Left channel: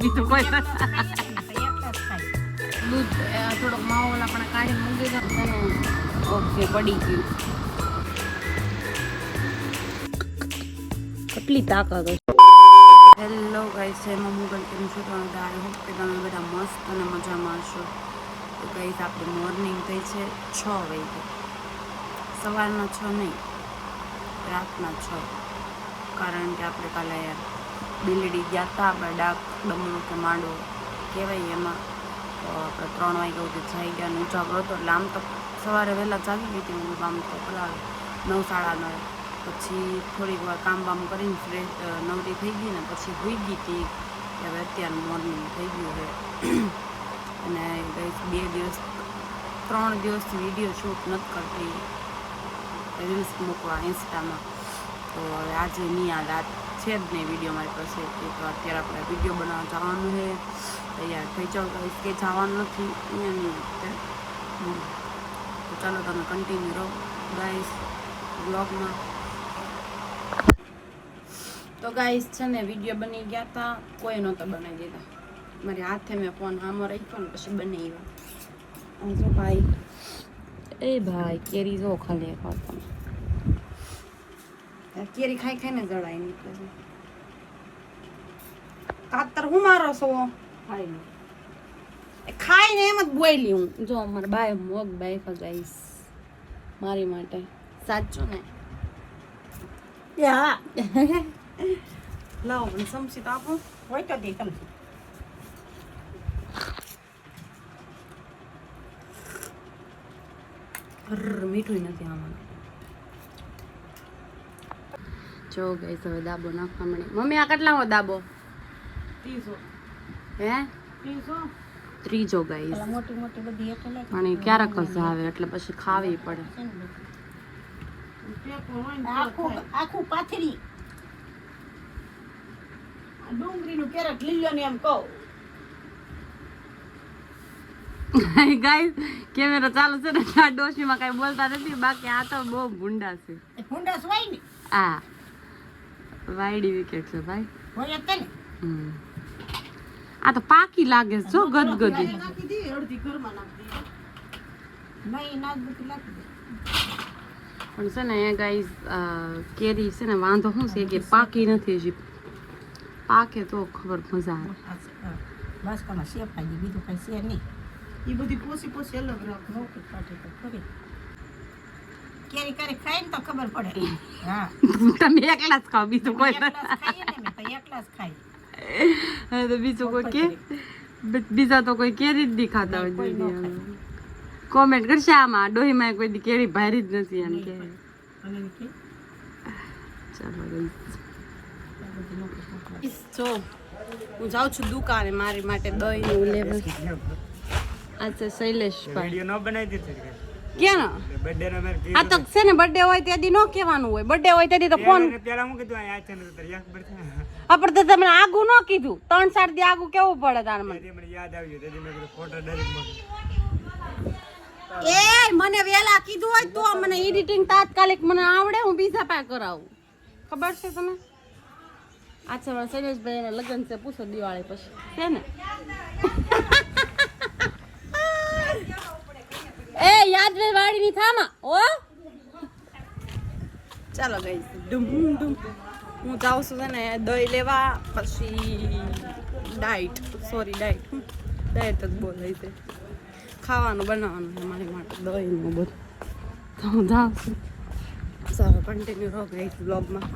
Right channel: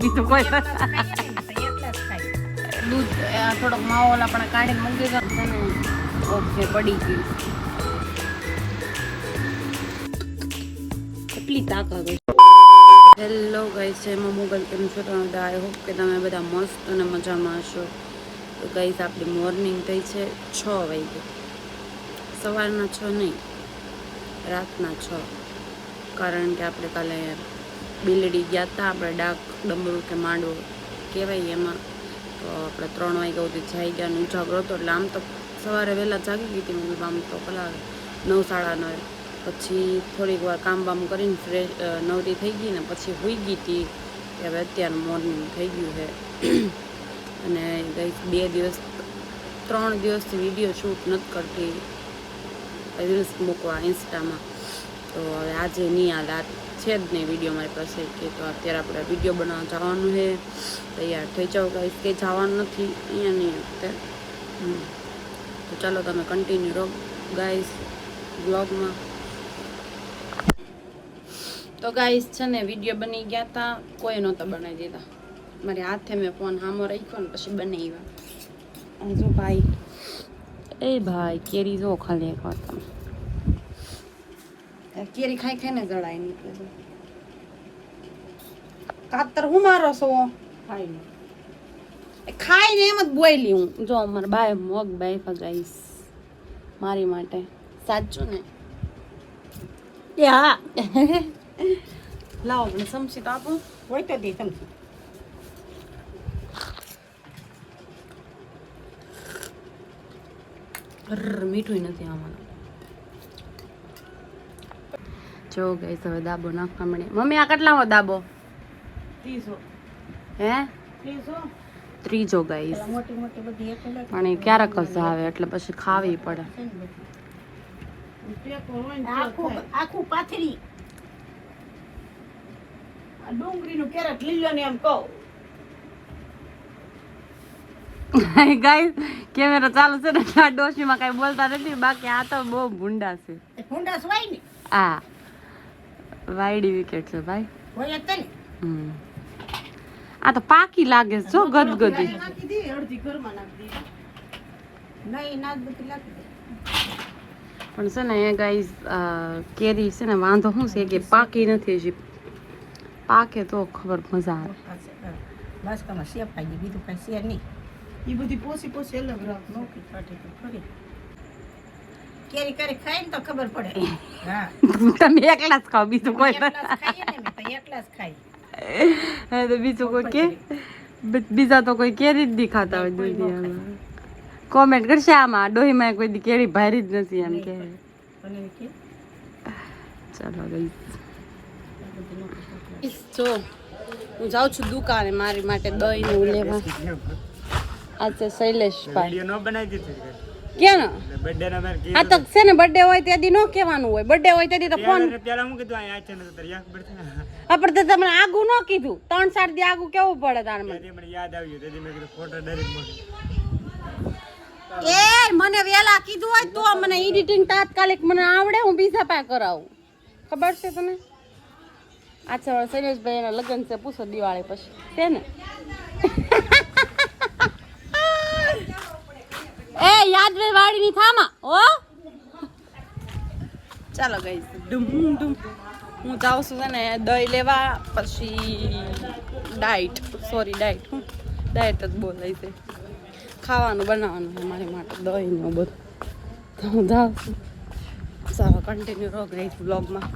બીજું કોઈ દૂધ થોડોક માવો આપણે કાઢીને મૂકી દો ઓકે પડી ગયું કેટલી તાકાત હેલો ગાઈસ છે એમાં મોબાઈલ કેમ છો તમે આઈ હોપ કે તમે બધા મસ્ત અને મજામાં હશો તો ગાઈસ આપણી મોર્નિંગ થઈ છે 6 વાગે સવારના 6 નહીં રાતના 6 કારણ કે આપણે કાલે બિલડી ગયા હતા આપણે ડાક ડમરૂ કે માંડવો કહેવાય એમાં તો આપણે 3 વાગ્યા સુધી થઈ ગયા ને ઉજાગરો હતો એટલે આમ તો સવારે વહેલા જાગી ગઈ હતી મતલબ આમ તો પેલા 9 સાડા 9 પછી થોડીક વાર કામ બામ કરીને ફ્રેશ નવરી થઈ ગઈ ને પછી સૂઈ ગઈ હતી કે હવે અત્યારે મોર્નિંગ થઈ ગયું છે અને ગઈ 3 દિવસથી વિડીયો શૂટ નથી કરતી રીલ્સ મૂકવા ઇન્સ્ટામાં તો હવે આજે નહીં હાલ આ છે જ નહીં વિડીયો મારી પાસે કે તો અત્યારે આપણે વિડીયો બનાવવા જવાનું છે તૈયાર થઈ જાઓ ગાઈસ કે જવાનું નથી અહીંયા નહીં અત્યારે તો ચાલો તમે કન્ટિન્યુ રહો ગાઈસ બ્લોગમાં તો ગાઈસ છે ને વિડીયો બની ગયા હતા કોઈ નહોતા બનાવી દીધા મારી હાથે મેં ફોન સામો રાખ્યો ને પછી બનાવ્યા જો ભાઈ એ ભાઈ કેરી જો ખાલી કેરી ખાઈ ખાઈને જળાય નહીં કાતર હું મારો છો ખાઈને એમ જ બોયલી હું જો અમારે બાય મગ બાય ફગાઈશ મારી માટે સાચું ને હા લાવો મને સમસી તો આપો હોય તો દે સમસી મીઠું નથી આમાં જો ગઈ હવે દાબો નાખવા મળે મમ્મી આ કેટલામો દાબો 30 હે 30 ગાઈસ પણ એ ક્યારેક જ આવે એટલે પછી ખાવી પડે આખું પાથરી ડુંગળીનું કેરેટ લીલો ને એમ કહો ગાઈસ કેમેરા ચાલુ છે ને આ ડોશીમાં કઈ બોલતા નથી બાકી આ તો બહુ ભૂંડા છે ભૂંડા સ્વાય ને આ વાયડી વિકેટ છે ભાઈ હોય જ ને આ તો પાકી લાગે છે જો ગદગદી નાખી દે અડધી ઘરમાં નાખી દે નહીં નાખ બધી નાખી દે પણ છે ને એ ગાઈસ કેરી છે ને વાંધો શું છે કે પાકી નથી હજી પાકે તો ખબર મજા આવે બસ કોનો શેપ આવી ગઈ બીજું કઈ છે નહીં એ બધી પોસી અલગ રાખ મોટી કાઢે તો ફરી કેરી કરી ખાઈને તો ખબર પડે હા તમે એકલા જ ખાઓ બીજું કોઈ એકલા જ ખાઈએ ને તો એકલા જ ખાઈ હા તો બીજું કોઈ કે બીજા તો કોઈ કેરી જ નહીં ખાતા હોય દુનિયામાં કોમેન્ટ કરશે આમાં ડોહીમાં કોઈ દી કેરી ભારી જ નથી એમ કે ચાલો ગઈ જો હું જાઉં છું દુકાને મારી માટે દહીં ને લેવા આ છે શૈલેષભાઈ વિડિયો ન બનાવી દીધી ક્યાં બર્થડે ના મેર આ તો છે ને બર્થડે હોય તેથી નો કહેવાનું હોય બર્થડે હોય તેથી તો ફોન પેલા હું કીધું આ છે ને તો યાદ પડશે આપણ તો તમે આગું ન કીધું 3-4 દી આગું કેવું પડે તાર મને મને યાદ આવ્યું તેથી મેં કીધું ફોટો ડાયરેક્ટ મોકલ એ મને વેલા કીધું હોય તો મને એડિટિંગ તાત્કાલિક મને આવડે હું બીજા પાસે કરાવું ખબર છે તને આ છે શૈલેષભાઈ એના લગ્ન છે પૂછો દિવાળી પછી છે ને એ યાદ રે વાડીની થામા હો ચાલો ગઈ ડુમ ડુમ હું જાઉં છું છે ને દહીં લેવા પછી ડાયટ હું ડાયટ જ બોલાય છે ખાવાનું બનાવવાનું છે મારી માટે દહીંનું બધું તો હું જાઉં છું ચાલો કન્ટિન્યુ રહો ગઈ બ્લોગમાં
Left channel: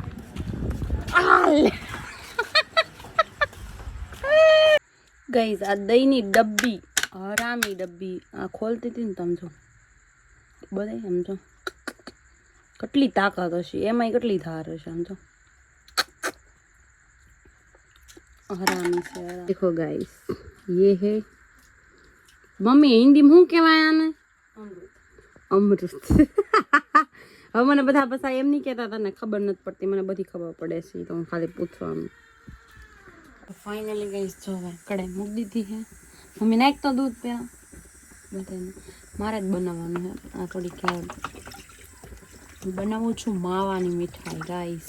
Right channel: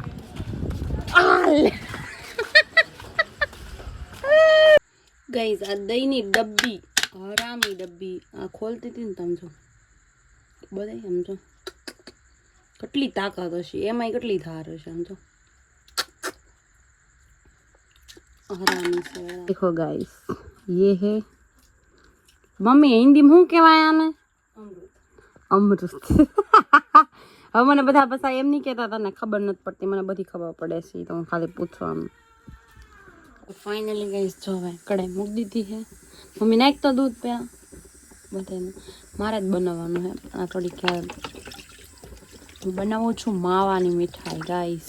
ગઈ આ દહીંની ડબ્બી હરામી ડબ્બી આ ખોલતી હતી ને તમે જો બધા સમજો કેટલી તાકાત હશે એમાંય કેટલી ધાર હશે સમજો હરામી છે દેખો ગાઈસ ये है મમ્મી હિન્દીમાં શું કહેવાય આને અમૃત હવે મને બધા પસા એમ નહીં કહેતા તને ખબર નથી પડતી મને બધી ખબર પડે છે તો હું ખાલી પૂછવાનું તો ફાઇનલી ગઈશ જો હવે કડાઈ મૂકી દીધી છે મમ્મી નાખ તો દૂધ પહેલાં બધાને મારે જ બનાવવાનું છે આ થોડીક હું બનાવું છું માવાની મીઠાઈ ગાઈસ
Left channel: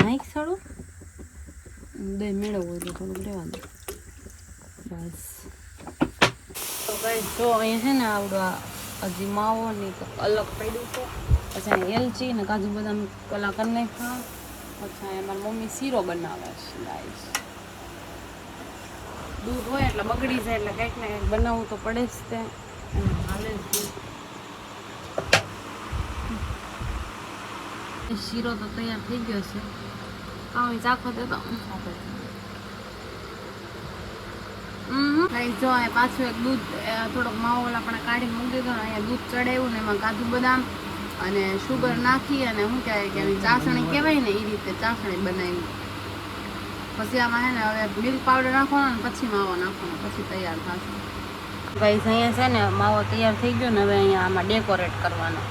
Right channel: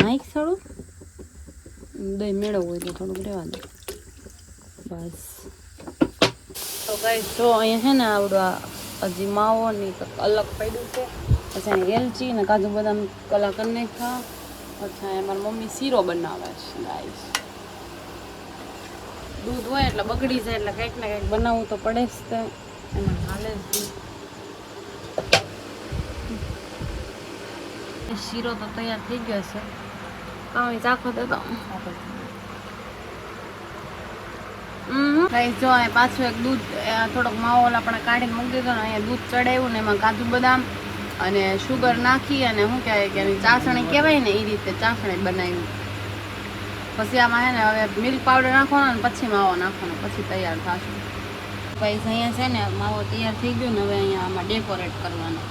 નાઈક થોડું દહીં મેળવવું હોય તો થોડુંક રહેવા દે બસ. તો ગાઈસ જો અહીંયા છે ને આવડું આ હજી માવો ને અલગ પડ્યું છે. પછી અહીંયા એલચી ને કાજુ બદામ કલા કરી નાખ્યા. પછી અહીંયા મારી મમ્મી શીરો બનાવે છે ગાઈસ. દૂધ હોય એટલે બગડી જાય એટલે કંઈક ને કંઈક બનાવવું તો પડે જ તે હાલે જ. શીરો તો તૈયાર થઈ ગયો છે. કાંઈ ચાખો દે તો જો અહીં પાછું એક દૂધ થોડોક માવો આપણે કાઢીને મૂકી દીધો ને અહીંયા દૂધ ચડાવ્યું ને એમાં કાજુ બદામ અને શુગર નાખી અને શું કહેવાય કે એની ચાસણી કહેવાય ને એ રીતે ચાસણી બનાવી. પછી આમાં છે ને હવે મિલ્ક પાવડર નાખવાનો ને પછી માવો નાખવાનો પછી તૈયાર થશે. ગાઈસ અહીંયા છે ને માવો તૈયાર થઈ ગયો ને હવે અહીંયા આમાં ડેકોરેટ કરવાનો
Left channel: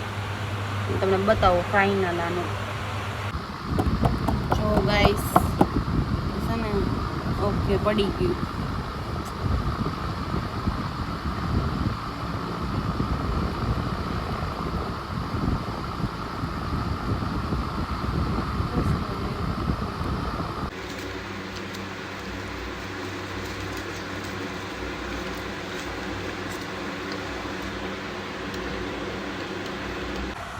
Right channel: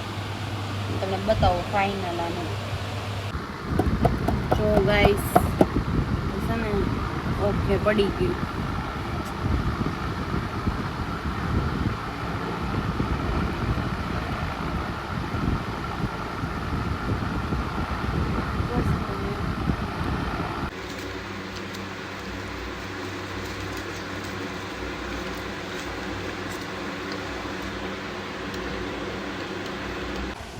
તમને બતાવો ફાઇનલ આનો. જો ગાઈસ છે ને ઓકે પડી ગયું.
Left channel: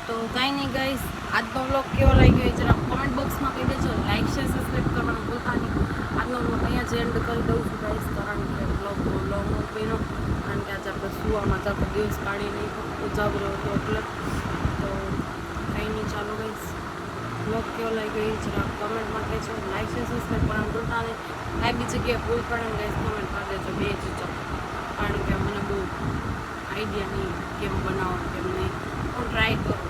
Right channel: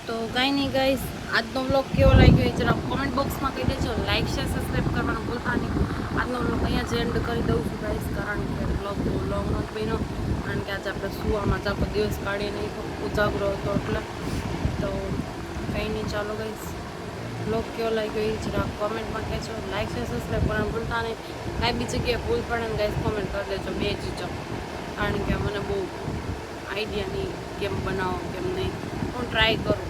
તો કાંઈ નહીં ગાઈસ આજનો વ્લોગ કેવો લાગ્યો એ જરા કોમેન્ટ બોક્સમાં કહી દેજો. લાઈક શેર સબસ્ક્રાઈબ કરવાનું ભૂલતા નહીં. આજનો વ્લોગ અહીંયા જ એન્ડ કરી દઉં છું ગાઈસ કારણ કે વ્લોગ બહુ લોંગ હોત બન્યો કારણ કે આજે આપણે સુવામાં ચાલો દિવસ કાઢી નહીં ઉજાગરો હતો એટલે. તો કંઈ નહીં ચાલો ગાઈસ વ્લોગ કેવો લાગ્યો એ જરા કોમેન્ટમાં કહેજો. લાઈક શેર સબસ્ક્રાઈબ કરવાનું ભૂલતા નહીં. કાંઈ બી જગ્યાએ ભૂલ પડે ને ગાઈસ કોમેન્ટ કરી દેજો બે ચીજો કારણ કે મને બહુ આઈડિયા નહીં કેમ બનાવો કેમ નહીં. હું ટ્રાય કરું